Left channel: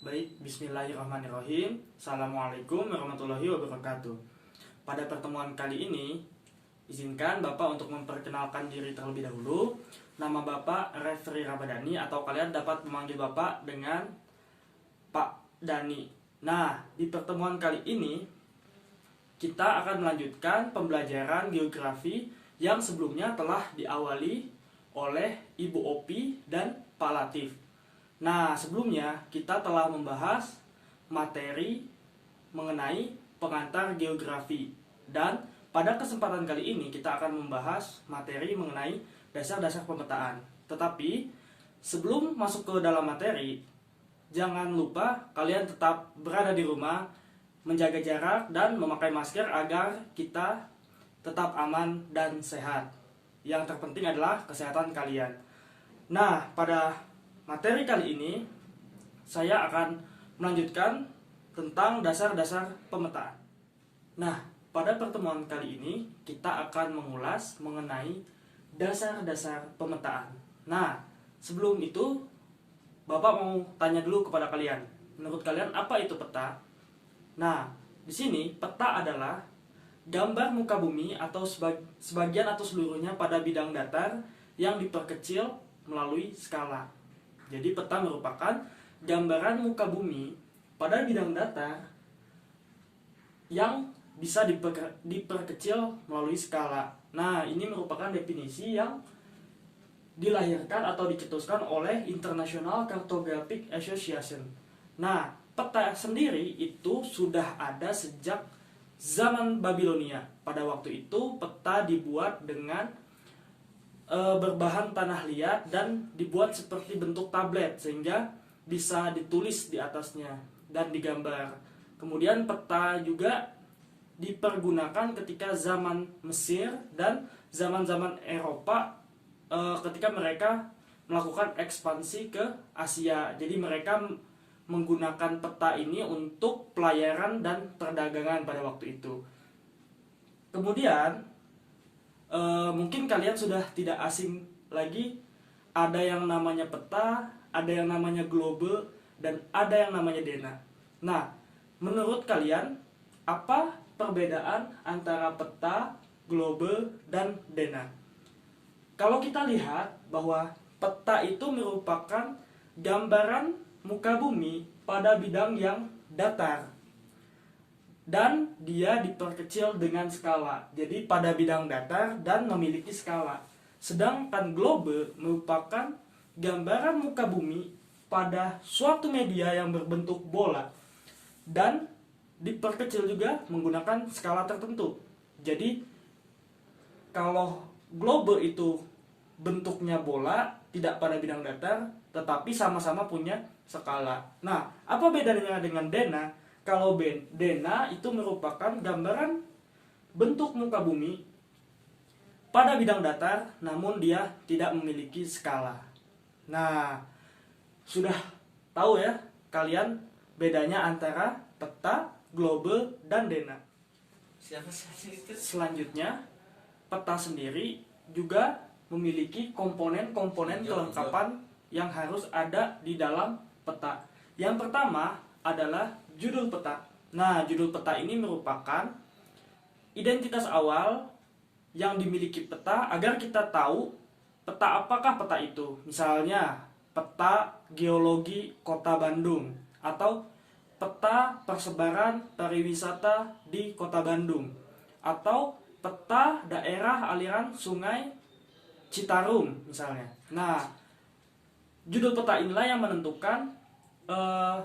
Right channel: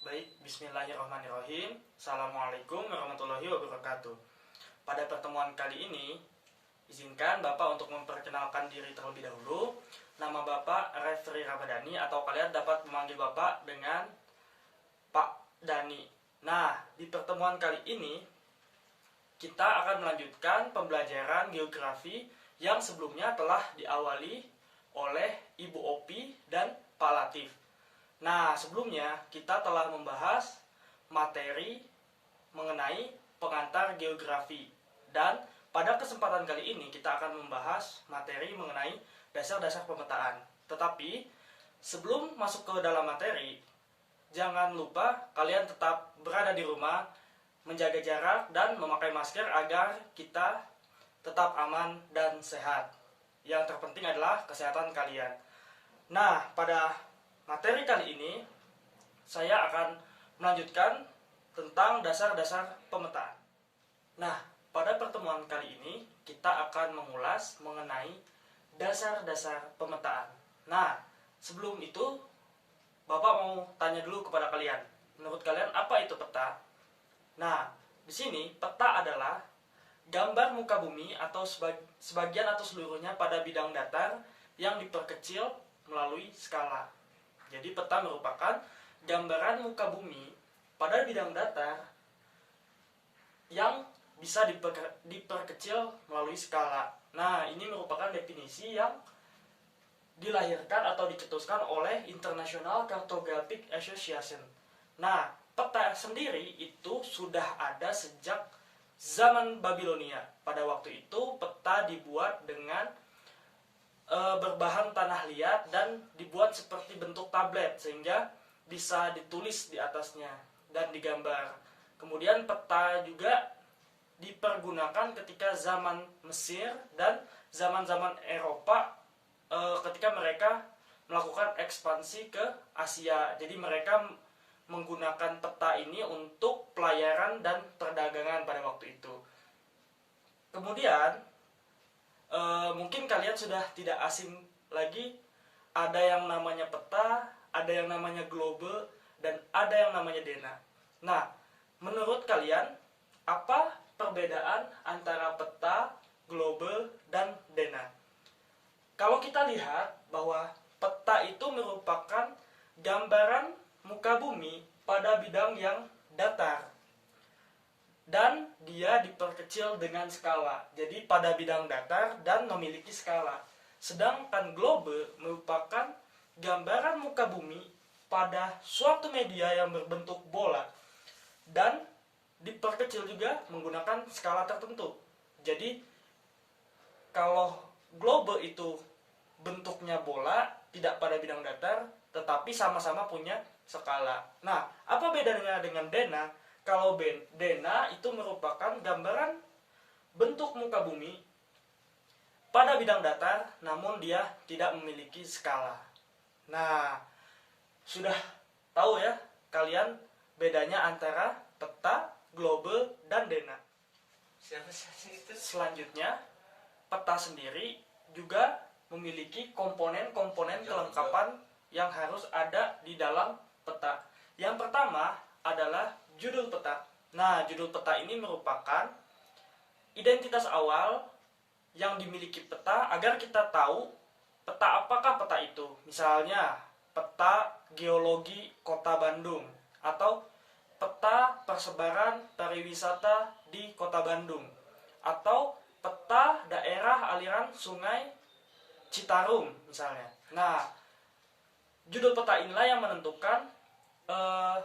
Baik, bismillahirrahmanirrahim. Assalamualaikum warahmatullahi wabarakatuh. Pada pertemuan kali ini, izinkan Bapak untuk memperkenalkan diri terlebih dahulu. Nama Bapak Refri Ramadhani, atau kalian dapat memanggil Bapak dengan Pak Dani. Nah, di pertemuan kali ini, kita akan melanjutkan pembelajaran geografi yang sebelumnya telah diawali oleh Ibu Opi dan Pak Latif. Nah, sebelumnya kita telah membahas materi mengenai pengantar geografi. Dan pada kesempatan kali ini kita akan membahas materi mengenai dasar-dasar pemetaan. Tetapi sebelum masuk ke dalam materi, jangan lupa kalian tetap berada di rumah, menjaga jarak dan memakai masker agar kita tetap aman dan sehat. Yang terpenting adalah kesehatan kalian. Nah, pada materi kali ini saya akan melanjutkan tentang dasar-dasar pemetaan. Nah, pada pertemuan kali ini kita akan mengulas mengenai dasar-dasar pemetaan. Nah, sebelum itu Bapak mau tanya dulu kepada kalian. Menurut kalian apa itu peta? Nah, di sini peta adalah gambar muka bumi atau sebagian atau seluruhnya pada bidang datar yang diperkecil melalui skala. Jadi peta merupakan gambaran muka bumi pada bidang datar yang bisa diperkecil melalui skala. Nah, ini merupakan definisi yang dilahirkan atau dicetuskan oleh International Cartographic Association. Nah, peta sendiri itu sudah ada sejak zaman Babilonia. Pada waktu itu peta dibuat dengan berbahan tanah liat dan dibuat seperti bentuk tablet sehingga bisa ditulis di atasnya dan digambar. Kemudian peta juga dipergunakan ketika zaman Mesir dan zaman-zaman Eropa ketika mereka melakukan ekspansi ke Asia. Jadi mereka menggunakan peta ini untuk pelayaran dan perdagangan pada waktu itu. Kemudian mungkin kalian sudah tidak asing lagi, ada yang namanya peta, ada yang namanya globe, dan ada yang namanya dena. Nah, menurut kalian apa perbedaan antara peta, globe, dan dena? Kalau kita lihat bahwa peta itu merupakan gambaran muka bumi pada bidang yang datar dan dia diperkecil dengan skala. Jadi pada bidang datar dan memiliki skala. Sedangkan globe merupakan gambaran muka bumi pada suatu media yang berbentuk bola dan diperkecil juga menggunakan skala tertentu. Jadi kalau globe itu bentuknya bola, tidak pada bidang datar, tetapi sama-sama punya skala. Nah, apa bedanya dengan dena? Kalau dena itu merupakan gambaran bentuk muka bumi pada bidang datar, namun dia tidak memiliki skala. Nah, sudah tahu ya kalian bedanya antara peta, globe, dan dena. Selanjutnya, peta sendiri juga memiliki komponen-komponen kelengkapan yang harus ada di dalam peta. Yang pertama adalah judul peta. Nah, judul peta ini merupakan identitas awal yang dimiliki peta agar kita tahu peta apakah peta itu. Misalnya, peta geologi Kota Bandung atau peta persebaran pariwisata di Kota Bandung atau peta daerah aliran Sungai Citarum misalnya. Nah, judul peta inilah yang menentukan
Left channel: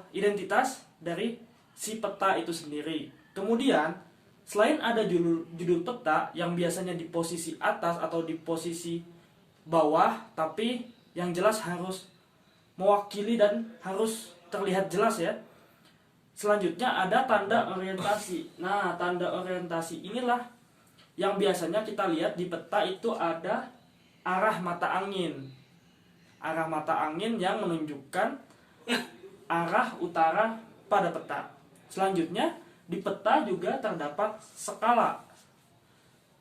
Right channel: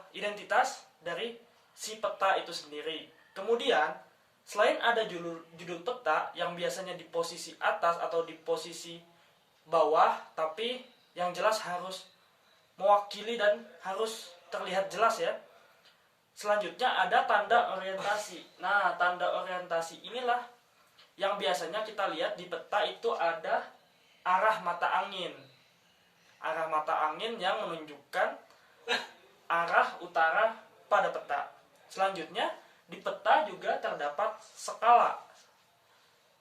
identitas dari si peta itu sendiri. Kemudian, selain ada judul peta yang biasanya di posisi atas atau di posisi bawah, tapi yang jelas harus mewakili dan harus terlihat jelas ya. Selanjutnya ada tanda orientasi. Nah, tanda orientasi inilah yang biasanya kita lihat di peta itu ada arah mata angin. Arah mata angin yang menunjukkan arah utara pada peta. Selanjutnya, di peta juga terdapat skala.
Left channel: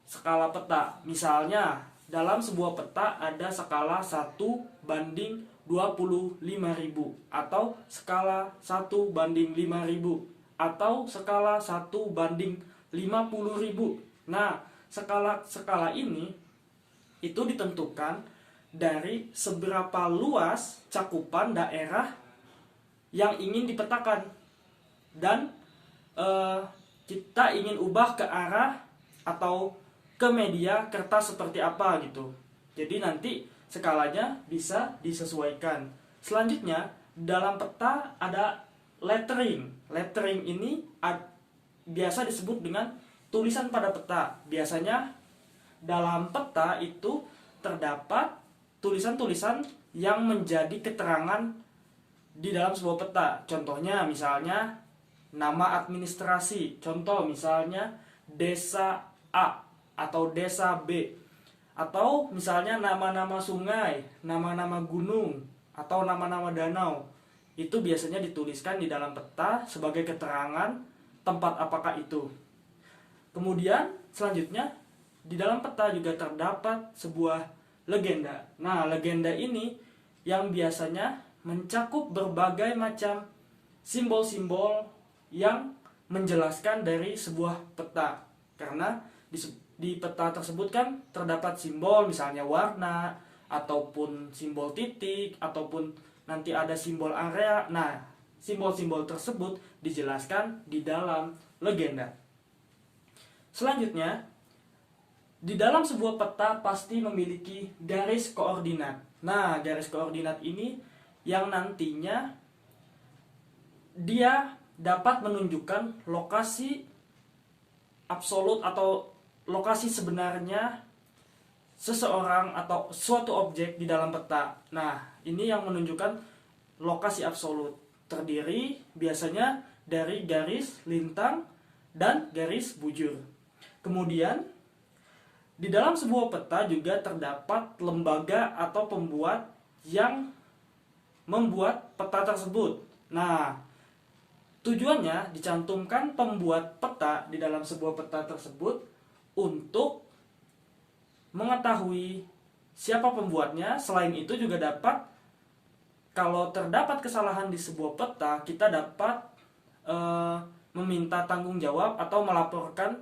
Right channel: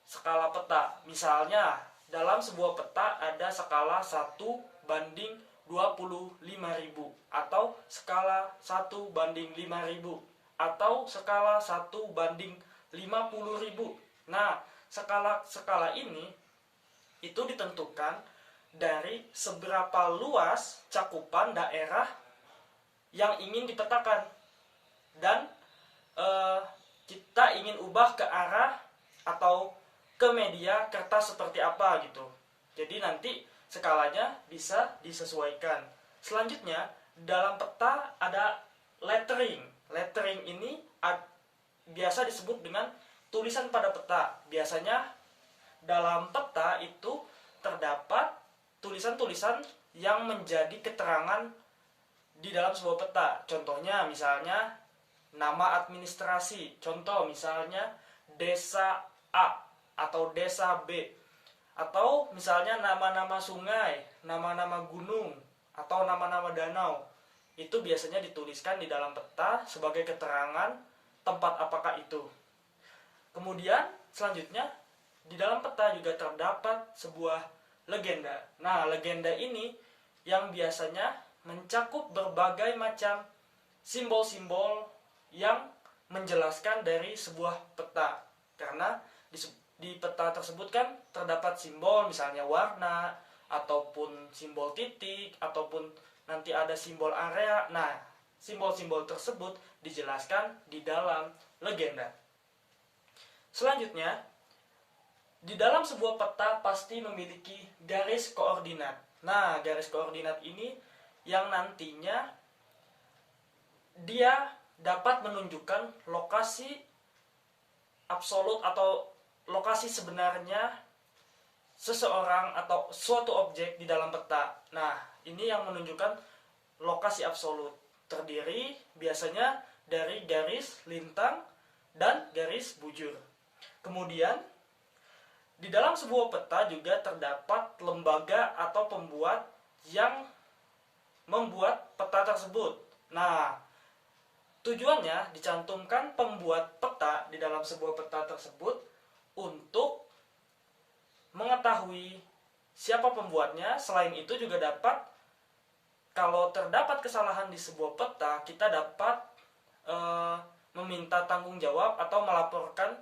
Skala peta. Misalnya, dalam sebuah peta ada skala 1:40 25.000 atau skala 1:5.000 atau skala 1:50.000. Nah, skala ini itu ditentukan dari seberapa luas cakupan daerah yang ingin dipetakan, dan kita ingin ubah ke arah atau ke media kertas seperti apa gitu. Jadi nanti skalanya bisa disesuaikan. Selanjutnya, dalam peta ada lettering. Lettering ini biasa disebut dengan tulisan pada peta. Biasanya dalam peta itu terdapat tulisan-tulisan yang menjadi keterangan di dalam sebuah peta. Contohnya misalnya nama administrasi. Contoh misalnya desa A atau desa B. Atau misalnya nama-nama sungai, nama-nama gunung, atau nama-nama danau. Itu biasanya dituliskan di dalam peta sebagai keterangan tempat apakah itu. Kemudian selanjutnya di dalam peta juga terdapat sebuah legenda. Nah, legenda ini yang biasanya mencakup berbagai macam simbol-simbol yang menjelaskan dari sebuah peta. Karena di peta tersebut kan terdapat simbol, misalnya warna, ataupun simbol titik, ataupun nanti ada simbol area. Nah, simbol-simbol tersebut dijelaskan di dalam legenda. Selanjutnya, di dalam sebuah peta pasti memiliki garis koordinat. Nah, garis koordinat ini yang nantinya dia dapat menunjukkan lokasi absolut atau lokasi sebenarnya seseorang atau suatu objek di dalam peta. Nah, ini yang menunjukkan lokasi absolut. Terdiri biasanya dari garis lintang dan garis bujur. Kemudian, di dalam sebuah peta juga terdapat lembaga atau pembuat yang membuat peta tersebut. Nah, tujuannya dicantumkan pembuat peta di dalam sebuah peta tersebut untuk mengetahui siapa pembuatnya. Selain itu juga dapat, kalau terdapat kesalahan di sebuah peta, kita dapat meminta tanggung jawab atau melaporkan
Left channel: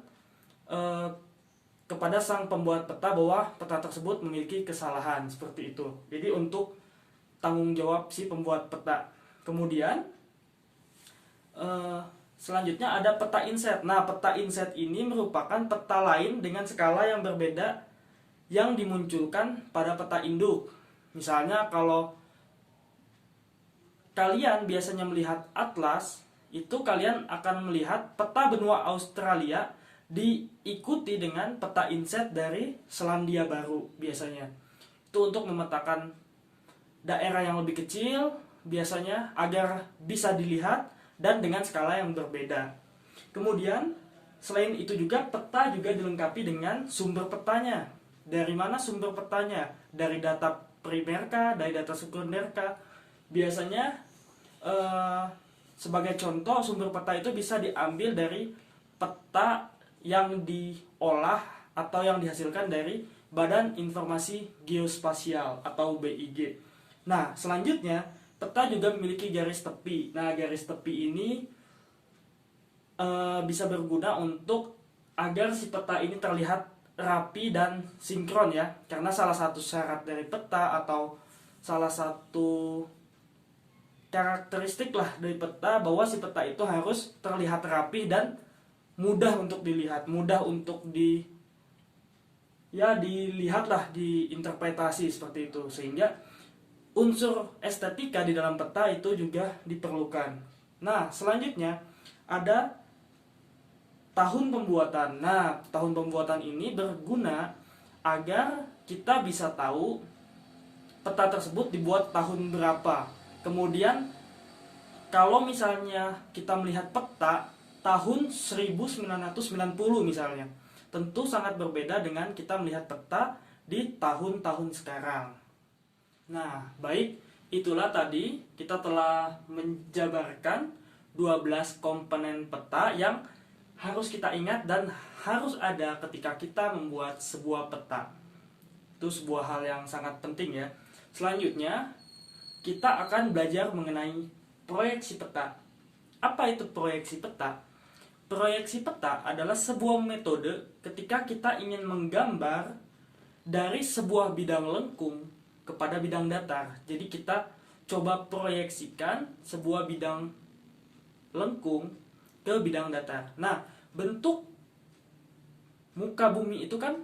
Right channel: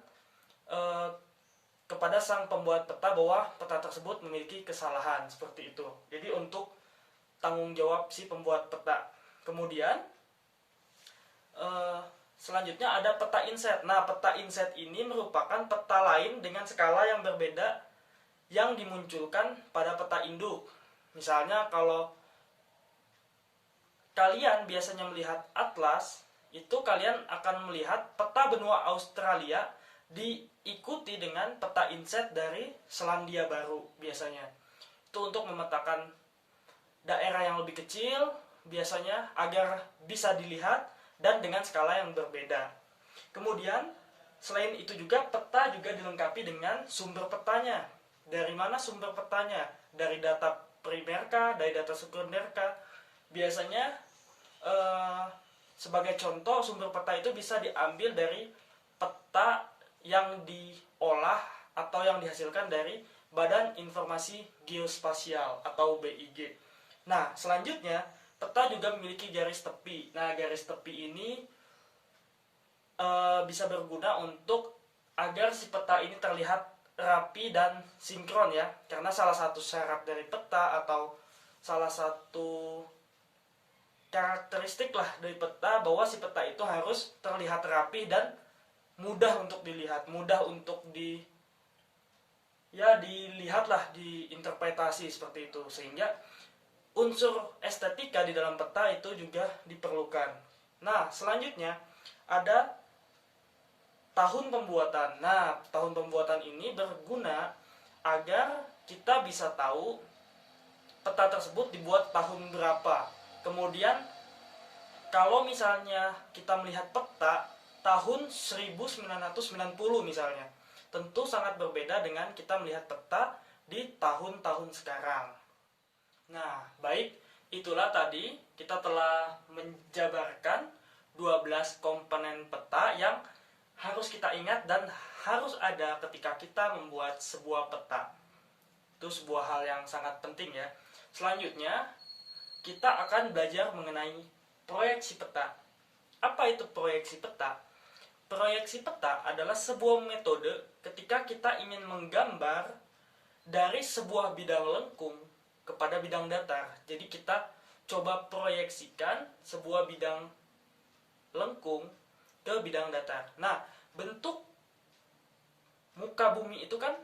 kepada sang pembuat peta bahwa peta tersebut memiliki kesalahan, seperti itu. Jadi untuk tanggung jawab si pembuat peta. Kemudian selanjutnya ada peta inset. Nah, peta inset ini merupakan peta lain dengan skala yang berbeda yang dimunculkan pada peta induk. Misalnya kalau kalian biasanya melihat atlas, itu kalian akan melihat peta benua Australia diikuti dengan peta inset dari Selandia Baru biasanya. Itu untuk memetakan daerah yang lebih kecil biasanya agar bisa dilihat dan dengan skala yang berbeda. Kemudian selain itu juga peta juga dilengkapi dengan sumber petanya. Dari mana sumber petanya? Dari data primerkah, dari data sekunderkah? Biasanya sebagai contoh sumber peta itu bisa diambil dari peta yang diolah atau yang dihasilkan dari Badan Informasi Geospasial atau BIG. Nah, selanjutnya peta juga memiliki garis tepi. Nah, garis tepi ini bisa berguna untuk agar si peta ini terlihat rapi dan sinkron ya. Karena salah satu syarat dari peta atau salah satu karakteristik lah dari peta bahwa si peta itu harus terlihat rapi dan mudah untuk dilihat, mudah untuk dilihatlah, diinterpretasi seperti itu. Sehingga unsur estetika di dalam peta itu juga diperlukan. Nah, selanjutnya ada tahun pembuatan. Nah, tahun pembuatan ini berguna agar kita bisa tahu peta tersebut dibuat tahun berapa. Kemudian, kalau misalnya kita melihat peta tahun 1990 misalnya, tentu sangat berbeda dengan kita melihat peta di tahun-tahun sekarang. Nah, baik, itulah tadi kita telah menjabarkan 12 komponen peta yang harus kita ingat dan harus ada ketika kita membuat sebuah peta. Itu sebuah hal yang sangat penting ya. Selanjutnya, kita akan belajar mengenai proyeksi peta. Apa itu proyeksi peta? Proyeksi peta adalah sebuah metode ketika kita ingin menggambar dari sebuah bidang lengkung kepada bidang datar. Jadi kita coba proyeksikan sebuah bidang lengkung ke bidang datar. Nah, bentuk muka bumi itu kan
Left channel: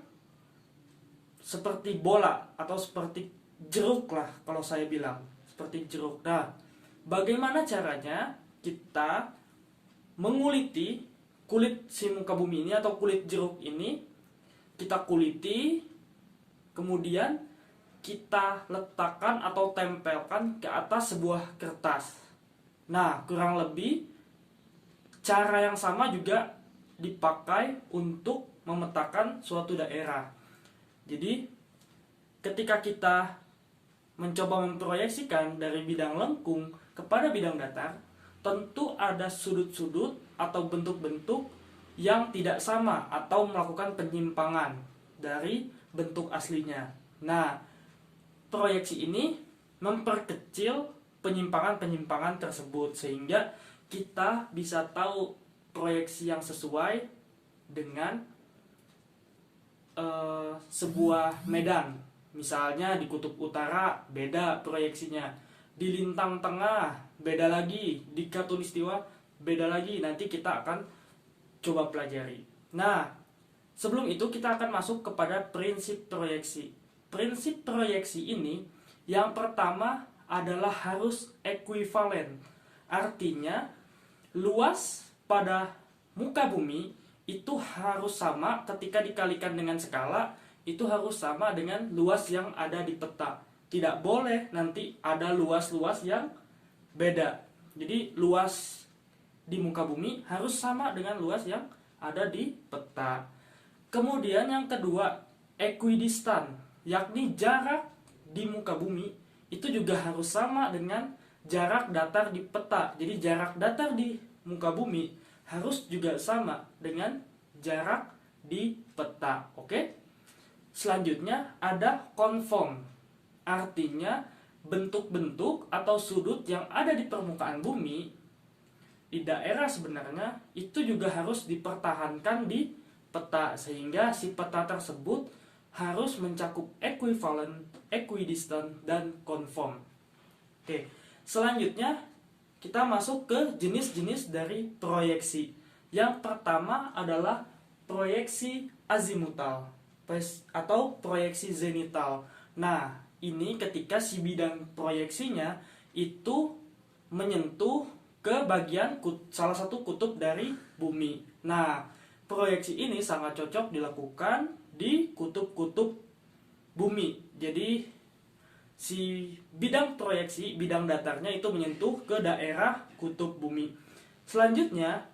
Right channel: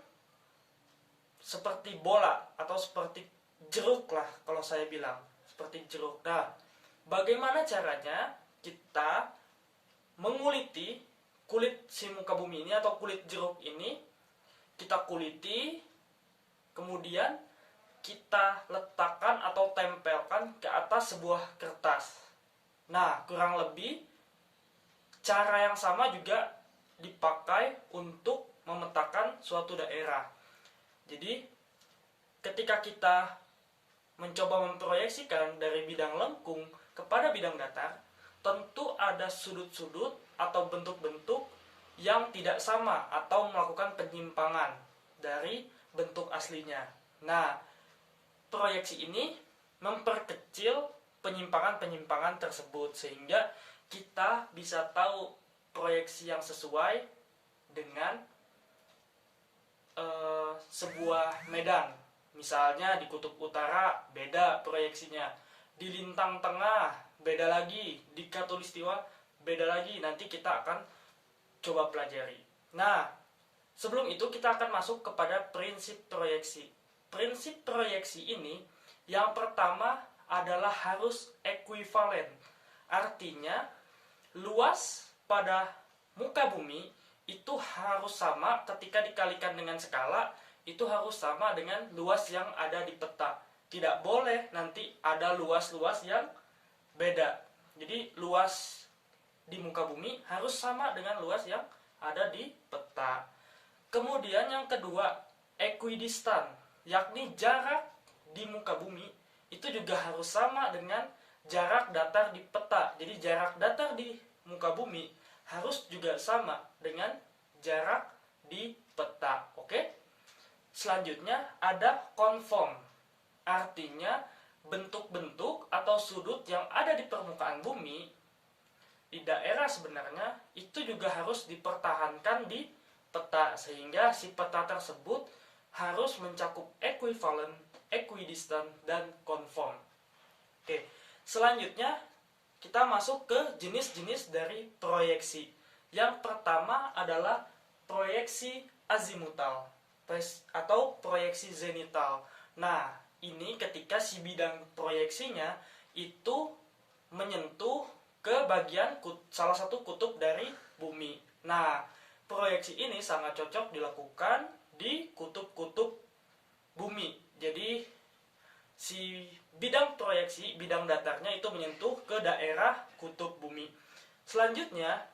seperti bola atau seperti jeruk lah kalau saya bilang. Seperti jeruk. Nah, bagaimana caranya kita menguliti kulit si muka bumi ini atau kulit jeruk ini? Kita kuliti, kemudian kita letakkan atau tempelkan ke atas sebuah kertas. Nah, kurang lebih cara yang sama juga dipakai untuk memetakan suatu daerah. Jadi, ketika kita mencoba memproyeksikan dari bidang lengkung kepada bidang datar, tentu ada sudut-sudut atau bentuk-bentuk yang tidak sama atau melakukan penyimpangan dari bentuk aslinya. Nah, proyeksi ini memperkecil penyimpangan-penyimpangan tersebut sehingga kita bisa tahu proyeksi yang sesuai dengan sebuah medan. Misalnya di kutub utara beda proyeksinya, di lintang tengah beda lagi, di khatulistiwa beda lagi. Nanti kita akan coba pelajari. Nah, sebelum itu kita akan masuk kepada prinsip proyeksi. Prinsip proyeksi ini yang pertama adalah harus ekuivalen. Artinya luas pada muka bumi itu harus sama ketika dikalikan dengan skala, itu harus sama dengan luas yang ada di peta. Tidak boleh nanti ada luas-luas yang beda. Jadi luas di muka bumi harus sama dengan luas yang ada di peta. Kemudian yang kedua, equidistant, yakni jarak di muka bumi itu juga harus sama dengan jarak datar di peta. Jadi jarak datar di muka bumi harus juga sama dengan jarak di peta. Oke? Selanjutnya ada conform. Artinya bentuk-bentuk atau sudut yang ada di permukaan bumi di daerah sebenarnya itu juga harus dipertahankan di peta sehingga si peta tersebut harus mencakup equivalent, equidistant, dan conform. Oke, selanjutnya kita masuk ke jenis-jenis dari proyeksi. Yang pertama adalah proyeksi azimutal atau proyeksi zenital. Nah, ini ketika si bidang proyeksinya itu menyentuh ke bagian salah satu kutub dari bumi. Nah, proyeksi ini sangat cocok dilakukan di kutub-kutub bumi. Jadi si bidang proyeksi, bidang datarnya itu menyentuh ke daerah kutub bumi. Selanjutnya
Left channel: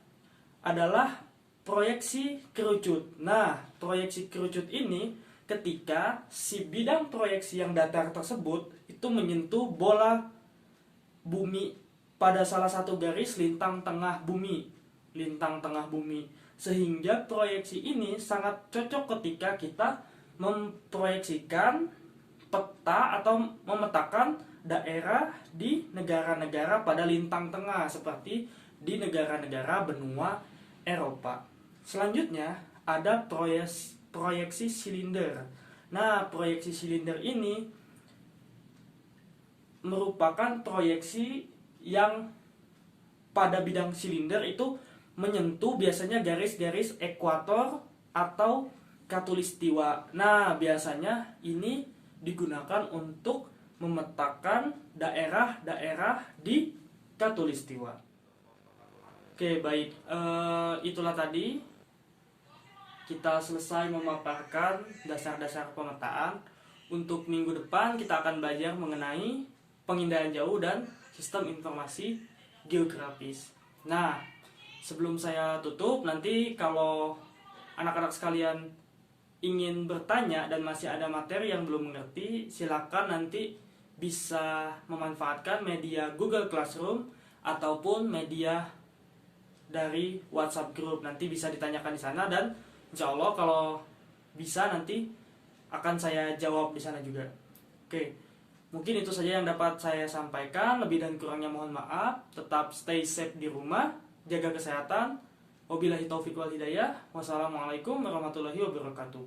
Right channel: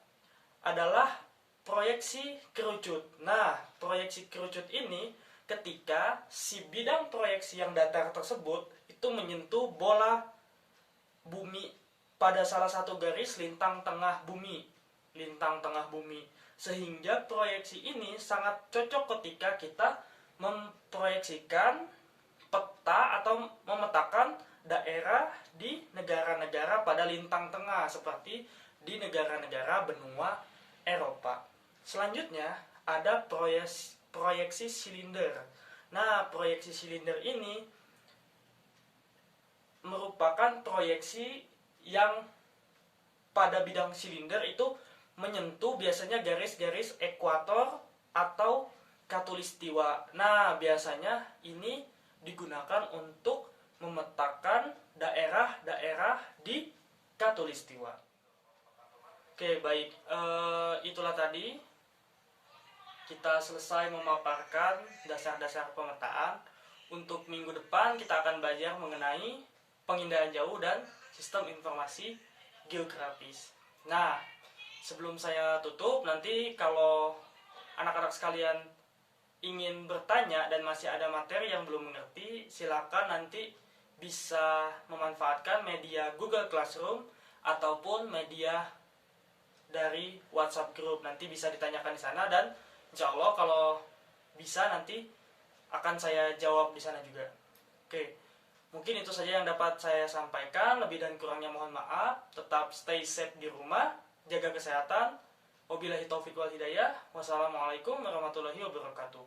adalah proyeksi kerucut. Nah, proyeksi kerucut ini ketika si bidang proyeksi yang datar tersebut itu menyentuh bola bumi pada salah satu garis lintang tengah bumi. Lintang tengah bumi. Sehingga proyeksi ini sangat cocok ketika kita memproyeksikan peta atau memetakan daerah di negara-negara pada lintang tengah seperti di negara-negara benua Eropa. Selanjutnya ada proyeksi silinder. Nah, proyeksi silinder ini merupakan proyeksi yang pada bidang silinder itu menyentuh biasanya garis-garis ekuator atau khatulistiwa. Nah, biasanya ini digunakan untuk memetakan daerah-daerah di khatulistiwa. Oke, baik. Itulah tadi kita selesai memaparkan dasar-dasar pemetaan. Untuk minggu depan kita akan belajar mengenai pengindaian jauh dan sistem informasi geografis. Nah, sebelum saya tutup, nanti kalau anak-anak sekalian ingin bertanya dan masih ada materi yang belum mengerti, silakan nanti bisa memanfaatkan media Google Classroom ataupun media dari WhatsApp Group. Nanti bisa ditanyakan di sana dan insya Allah kalau bisa nanti akan saya jawab di sana juga. Oke, Mungkin itu saja yang dapat saya sampaikan. Lebih dan kurangnya mohon maaf. Tetap stay safe di rumah, jaga kesehatan. Wabillahi taufiq wal hidayah. Wassalamualaikum warahmatullahi wabarakatuh.